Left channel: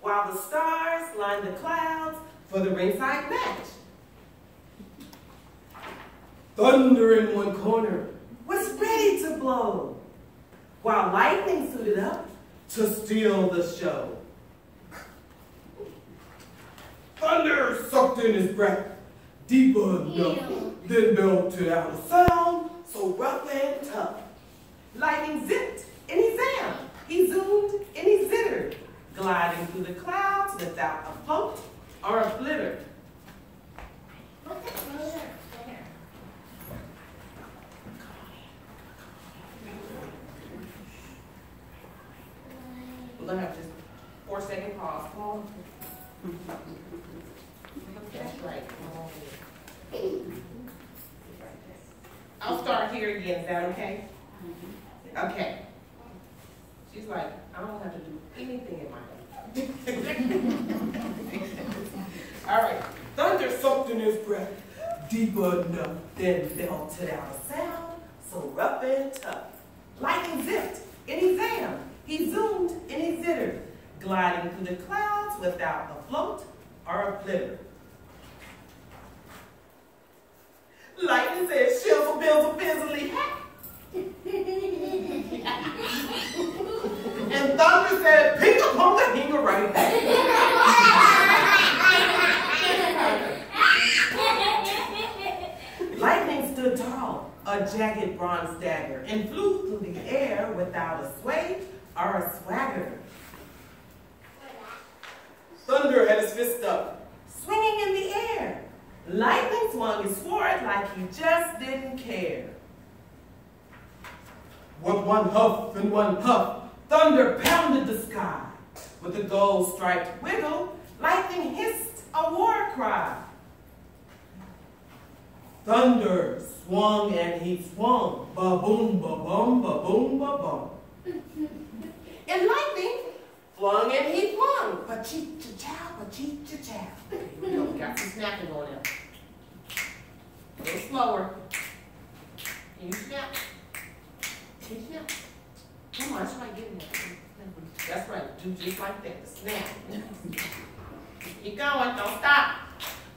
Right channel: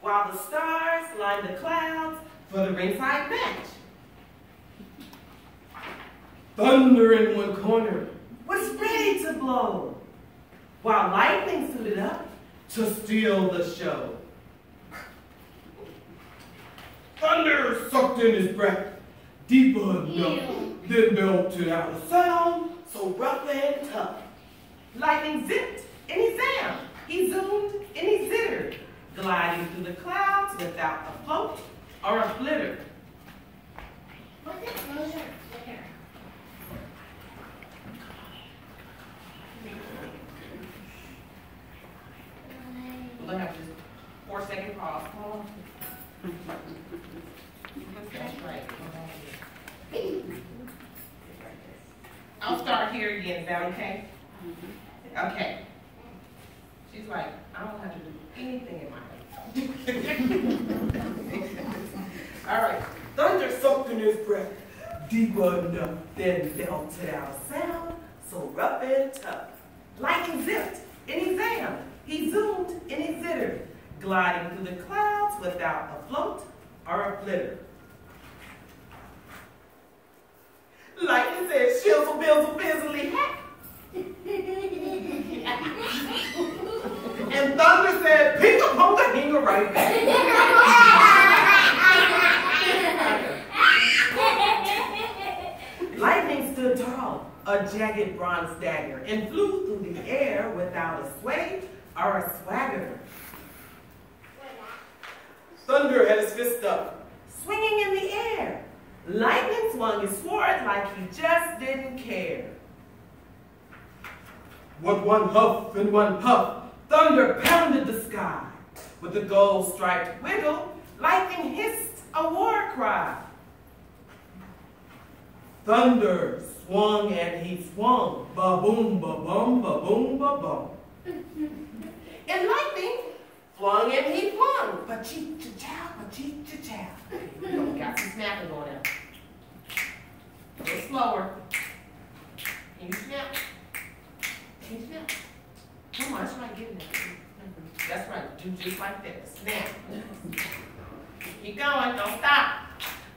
while the stars line the clouds for the ringside match. Thunder in one corner was ready to blow, while lightning suited up to steal the show. Thunder sucked in his breath, deeper enough, then belted out a sound so rough and tough. Lightning zipped and he zammed, he zoomed and he zittered, gliding through the clouds without a float or a flitter. What's a float or a flitter? We're going to have just 4-second pause. Come on. That's right. I'll start here again. Is that okay? Okay. She's like, I don't have to do anything in my life. All right. Thunder sucked in his breath, deeper enough, then belted out a sound so rough and tough. Lightning zipped and he zammed, he zoomed and he zittered, gliding through the clouds without a float or a flitter. Lightning said, shizzle, bizzle, bizzly, hat. And thunder said, pink a punk a hinga right back. Lightning stood tall, a jagged bronze dagger, and flew through the air without a sway or a swagger. Thunder had his fist up, swinging in the air. Lightning swung his sword like he just didn't care. With one huff and one puff, thunder pounded the sky. With the gold-striped wiggle, lightning hissed a war cry. Thunder swung and he swung, ba-boom, ba-bum, ba-boom, ba-bum. And lightning flung and he flung, ba-cheep-cha-chow, ba-cheep-cha-chow. Okay, we got some snapping going on. A little slower. Can you snap? Can you snap? Come on, try getting that. That's right, do just like that, snap. Keep going, don't stop.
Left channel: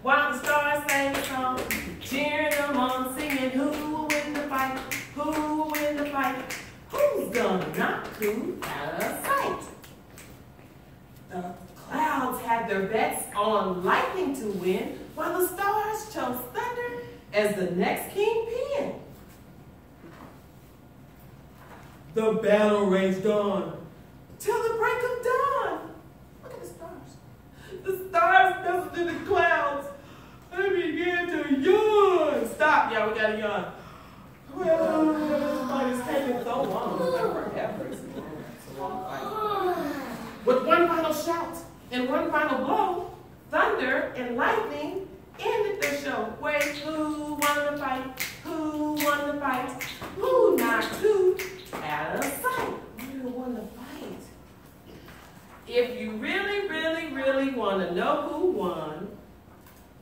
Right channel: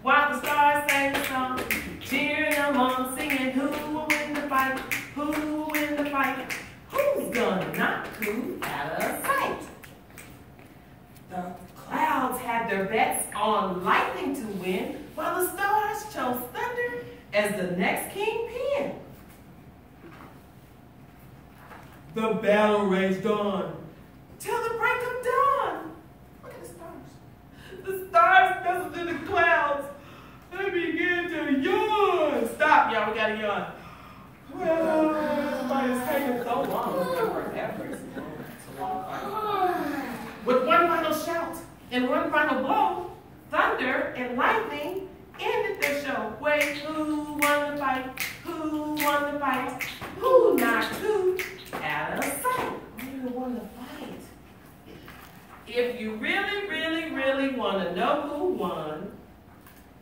While the stars sang the song, cheering them on, singing, who will win the fight? Who will win the fight? Who's gonna knock who out of sight? The clouds had their bets on lightning to win, while the stars chose thunder as the next kingpin. The battle raged on till the break of dawn. Look at the stars. The stars nestled in the clouds and began to yawn. Stop, y'all, we gotta yawn. Well, this fight is taking so long. Forever. It's a long fight. With one final shout and one final blow, thunder and lightning ended their show. Wait, who won the fight? Who won the fight? Who knocked who out of sight? Who won the fight? If you really, really, really want to know who won,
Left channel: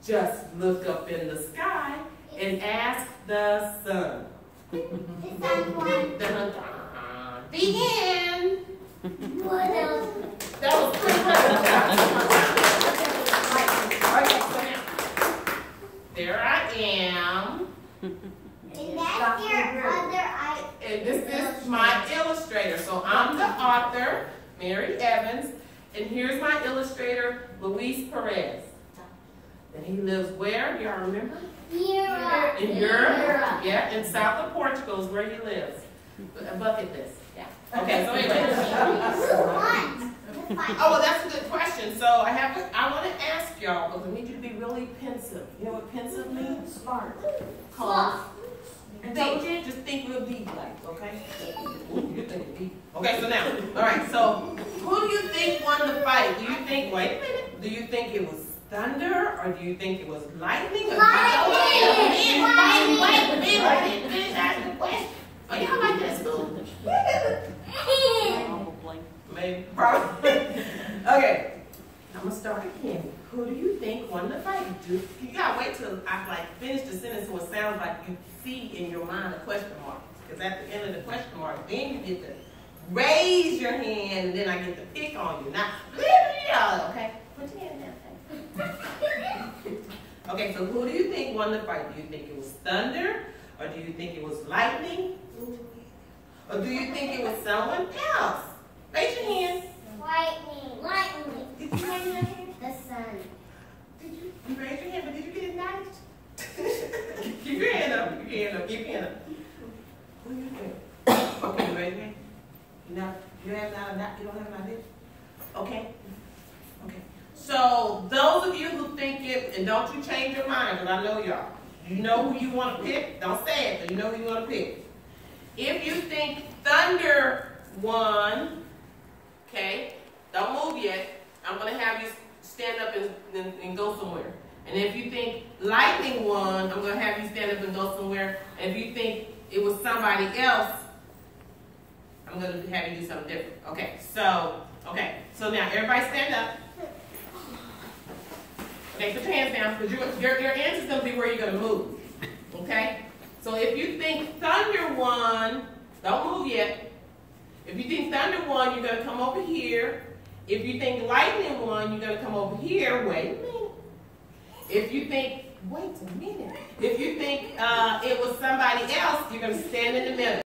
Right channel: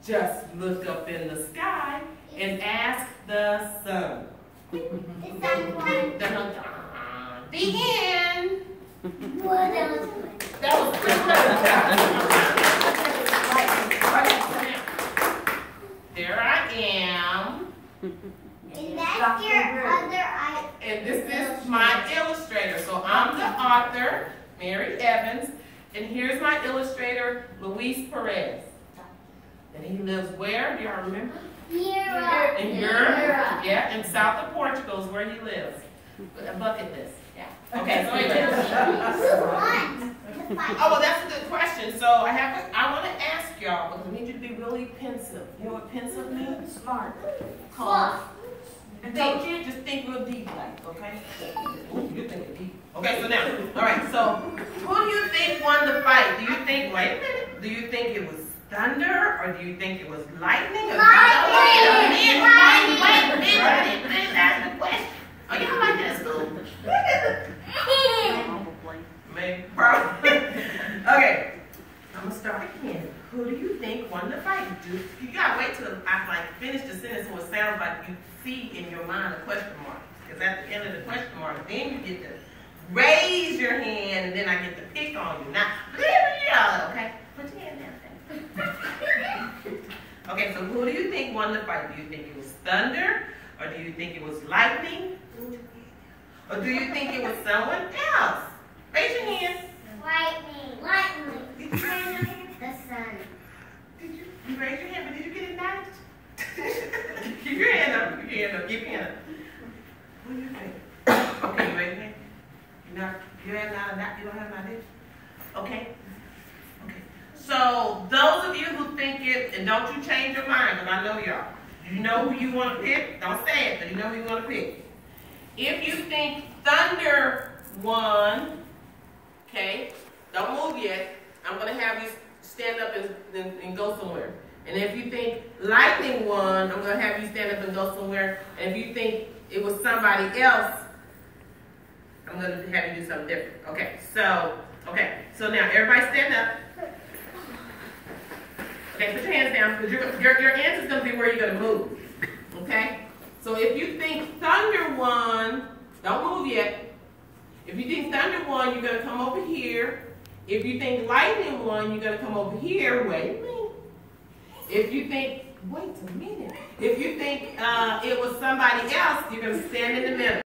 just look up in the sky and ask the sun. The sun won. The end. What else? That was quick. There I am. And that's your other eye. And this is my illustrator. So I'm the author, Mary Evans, and here's my illustrator, Luis Perez. And he lives where? Do y'all remember? Europe. In Europe? Yeah, in south of Portugal is where he lives. A bucket list. Yeah. Okay, so anyway. Who won? Oh, well, that's a good question. So I want to ask y'all, because we need you to be really pensive. You know what pensive means? Smart. Calm. And think, just think real deep, like, okay? Ooh, you're thinking deep. Okay, so now, all right, so who do you think won the fight? Do you think, wait a minute, do you think it was thunder, or do you think it was lightning? Lightning! Wait, ask the question. Oh, y'all like that school? Maybe, probably. Okay, I'm gonna start again. Who do you think won the fight? You gotta wait till I finish the sentence so it sounds like you see in your mind a question mark. Because at the end of the question mark, then you get to raise your hand and then I get to pick on you. Now, yeah, okay? Put your hand down. Okay, so who do you think won the fight? Do you think it was thunder? Or do you think it was lightning? Or do you think it was someone else? Raise your hand. Lightning. Lightning. Did you raise your hand? The sun. Did you raise your hand, but did you get it knowledge? Keep your hand up. Keep your hand up. Keep your hand up. What do you think? Okay, you raise your hand. You don't have knowledge? Okay. Okay. So those of you who think it, and don't you change your mind, because I know y'all. You know who you want to pick. Don't say it, but you know who you want to pick. If you think thunder won, okay, don't move yet. I'm going to have you stand up and go somewhere. And if you think lightning won, I'm going to have you stand up and go somewhere. And if you think it was somebody else, I'm going to have you do something different. Okay, so now everybody stand up. Okay, put your hands down, because your answer is going to be where you're going to move. Okay? So if you think thunder won, don't move yet. If you think thunder won, you're going to come over here. If you think lightning won, you're going to come over here. Wait a minute. If you think, wait a minute. If you think it was somebody else, you're going to stand in the middle.